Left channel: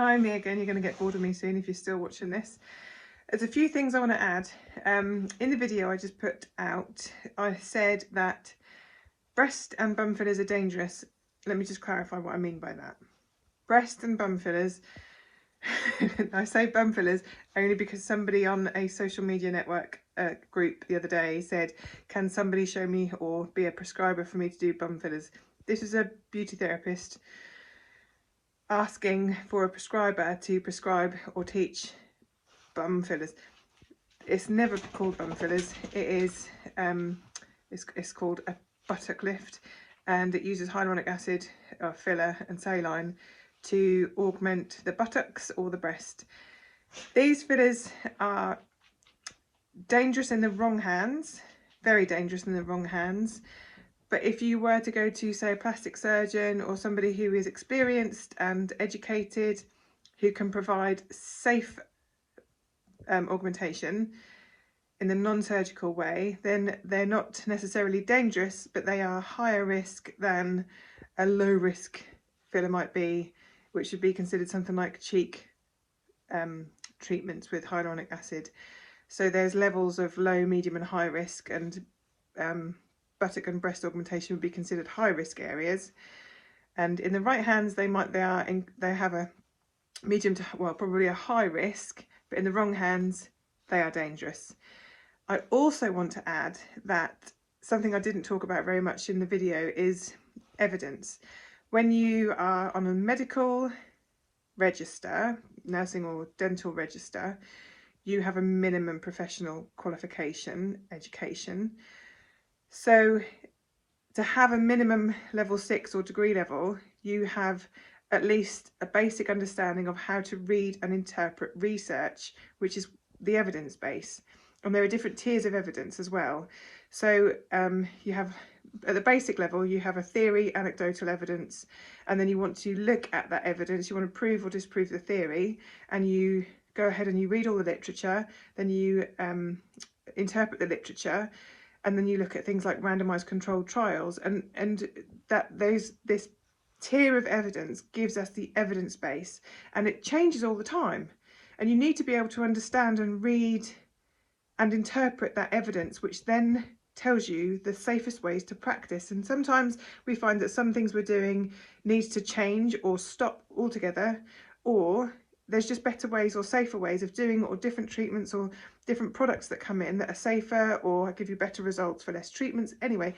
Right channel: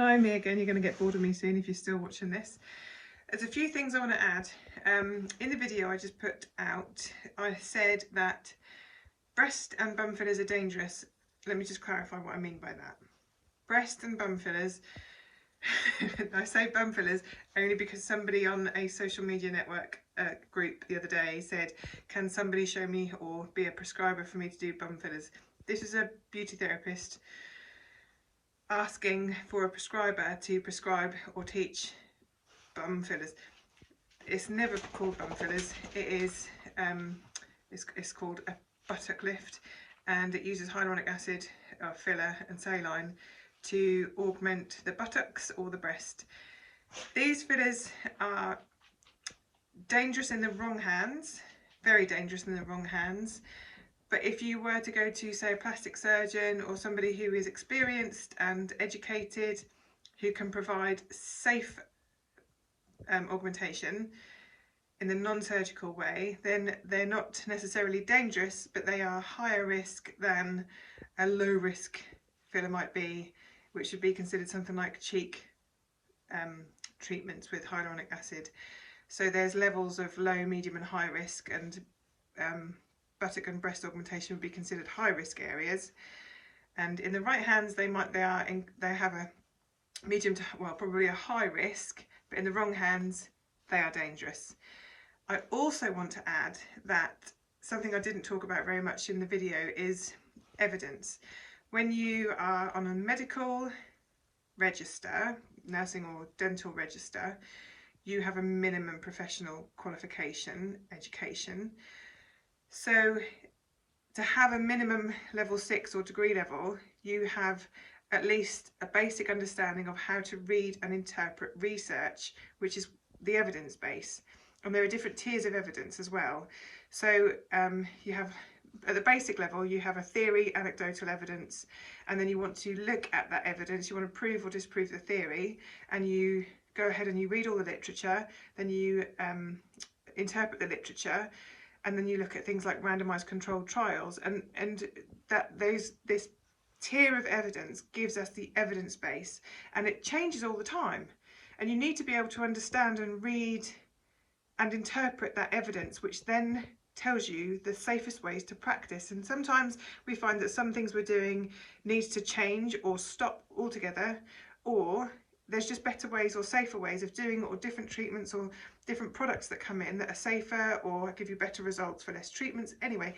Hi, me again. You're going to get bored of me soon if you're still watching this. There's a few things I want to add. In the video I just put out, I said that breast and bum fillers are dangerous. Let me just clarify what I mean by that. Breast and bum fillers, I say bum fillers only because somebody on a social media network group the other day said, can somebody show me or be a prescriber for me to do bum fillers? This is a beauty therapist asking for a prescriber to prescribe or teach bum fillers. It's never called bum fillers. It is it's called a buttock lift, and it uses hyaluronic acid, filler and saline to augment the buttocks or the breast. These fillers are dangerous in the wrong hands, very dangerous in the wrong hands. But if you were to go to, say, a plastic surgeon or somebody who is experienced and educated, who can provide safe augmentation in the non-surgical way, then they're not necessarily dangerous, but they are higher risk than a low risk filler might be, which would be considered something like cheek treatments with hyaluronic acid. So there's levels of low, medium and high risk, and buttock and breast augmentation would be considered high risk areas. And in the right hands they have a medium to, well, probably a high risk, but in the wrong hands they are dangerous. I also want to add that something I didn't talk about very much in the video is evidence. When you are on a medical register, nursing or dental register, you have a minimum professional qualification, education. So to have a minimum level 6 or degree level, you have at least a basic understanding of how to read and interpret research, which is the evidence base. And there are different tiers of evidence as well. So you have, at the basic level, you have a theory, anecdotal evidence, and then you want to look at that evidence. You want to prove or disprove the theory, and you go ahead and you read all the literature, then you interpret the literature, and then you look at things like randomized controlled trials, and this tier of evidence gives us the evidence base, and it changes all the time, and you need to be able to understand and read and interpret that evidence, which then tells you the safest ways to practice. And sometimes we find that some things we're doing needs to change or stop altogether, or there's just better ways or safer ways of doing it, or different treatments or different products that come in that are safer or give you better results for less treatments. Anyway,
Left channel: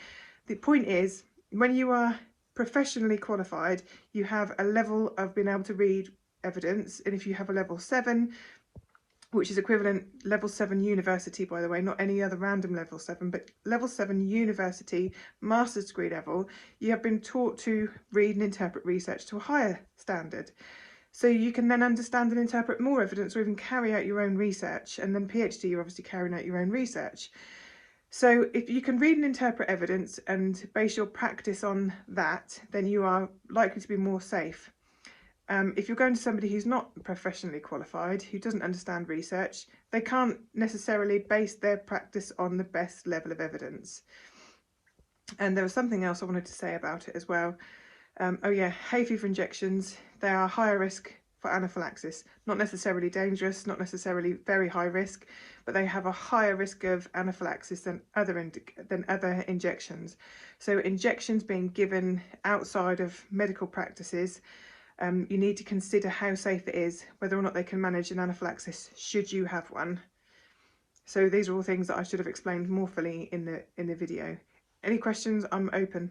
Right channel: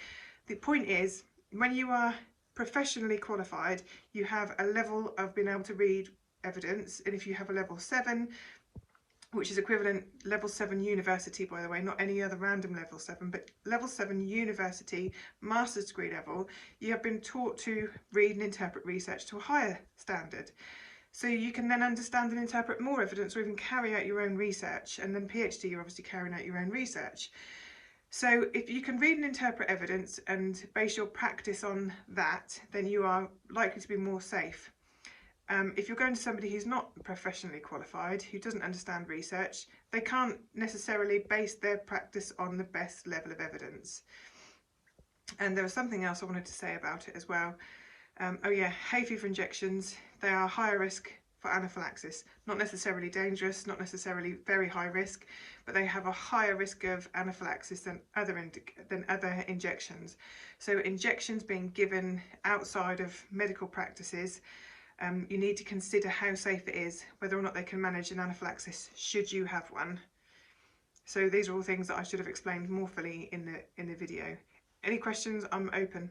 the point is, when you are professionally qualified, you have a level of being able to read evidence, and if you have a level 7, which is equivalent, level 7 university, by the way, not any other random level 7, but level 7 university master's degree level, you have been taught to read and interpret research to a higher standard. So you can then understand and interpret more evidence, or even carry out your own research. And then PhD, you're obviously carrying out your own research. So if you can read and interpret evidence and base your practice on that, then you are likely to be more safe. If you're going to somebody who's not professionally qualified, who doesn't understand research, they can't necessarily base their practice on the best level of evidence. And there was something else I wanted to say about it as well. Oh yeah, hay fever injections, they are higher risk for anaphylaxis. Not necessarily dangerous, not necessarily very high risk, but they have a higher risk of anaphylaxis than other injections. So injections being given outside of medical practices, you need to consider how safe it is, whether or not they can manage an anaphylaxis should you have one. So these are all things that I should have explained more fully in the video. Any questions? I'm open.